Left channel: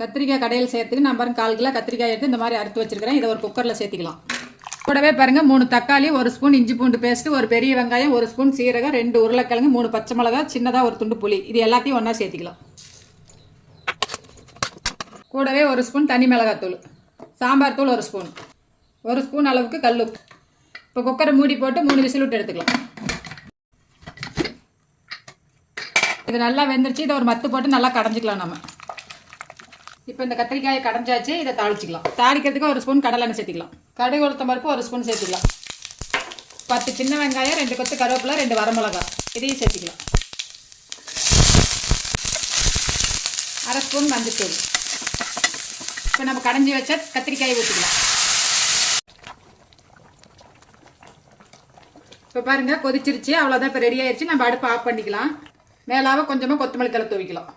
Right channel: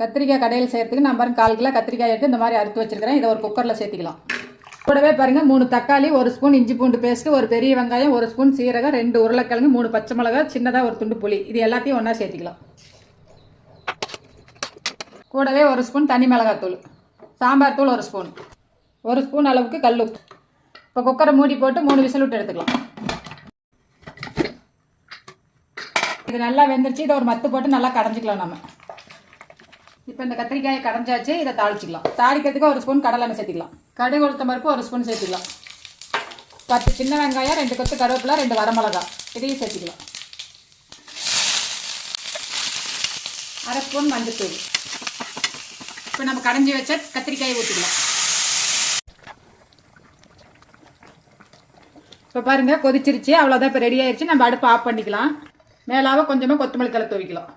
கத்திரிக்காய் கடையில் சேர்த்துக்கு நான் பாருங்க 1/4 கிலோ கத்திரிக்காய் எடுத்து இந்த மாதிரி அறுத்து வச்சிருக்கிறேன். இதை ஒரு குக்கரில் சேர்த்துக்கலாம். கூடவே பாருங்கள் 3 தக்காளி, 1 ஸ்பூன் இஞ்சி பூண்டு பேஸ்ட்டு, ஒரு பெரிய வெங்காயம், 1 ஸ்பூன் சீரகம், 2 உருளைக்கிழங்கு, 3 பச்சை மிளகா, சின்னதாக ஒரு துண்டு புளி. இது எல்லாத்தையும் ஒன்றா சேர்த்துக்கலாம். கூடவே 1 ஸ்பூன் தனி மிளகாத்தூள், சாம்பார் தூள் 1 ஸ்பூன், 1 ஸ்பூன் அளவுக்கு கல்லுப்பு. இப்போ குக்கரை மூடி போட்டு 3 விசில் விட்டு எடுத்துக்கலாம். இது நல்லா வெந்துருச்சு. இதை ஒரு மத்து போட்டு நல்லா கடைஞ்சிக்கலாம் நம்ம. இப்போ இந்த கத்திரிக்காயை கடைஞ்சாச்சு. இதை தாளிச்சிக்கலாம். தாளிக்கிறதுக்கு 1 ஸ்பூன் கடலை எண்ணெய் சேர்த்துக்கலாம். கடுகு உளுத்தம் பருப்பு 1 ஸ்பூன் சேர்த்துக்கலாம். 10 சின்ன வெங்காயம், 2 கொத்து கருவேப்பிலை, 2 வரமிளகா இதையும் சேர்த்துக்கலாம். 1/2 ஸ்பூன் மஞ்சத்தூள். இப்போ நம்ம கடைஞ்சி வச்ச கத்திரிக்காயை ஊற்றிக்கலாம். இப்போ பாருங்கள் கொதிச்சிருச்சு. அவ்வளோதான். இப்போ ரெடி ஆயிடுச்சு. நம்ம அடுப்பு ஆஃப் பண்ணிக்கலாம். மேலாக கொஞ்சமாக கொத்தமல்லி தழை தூவிக்கலாம்.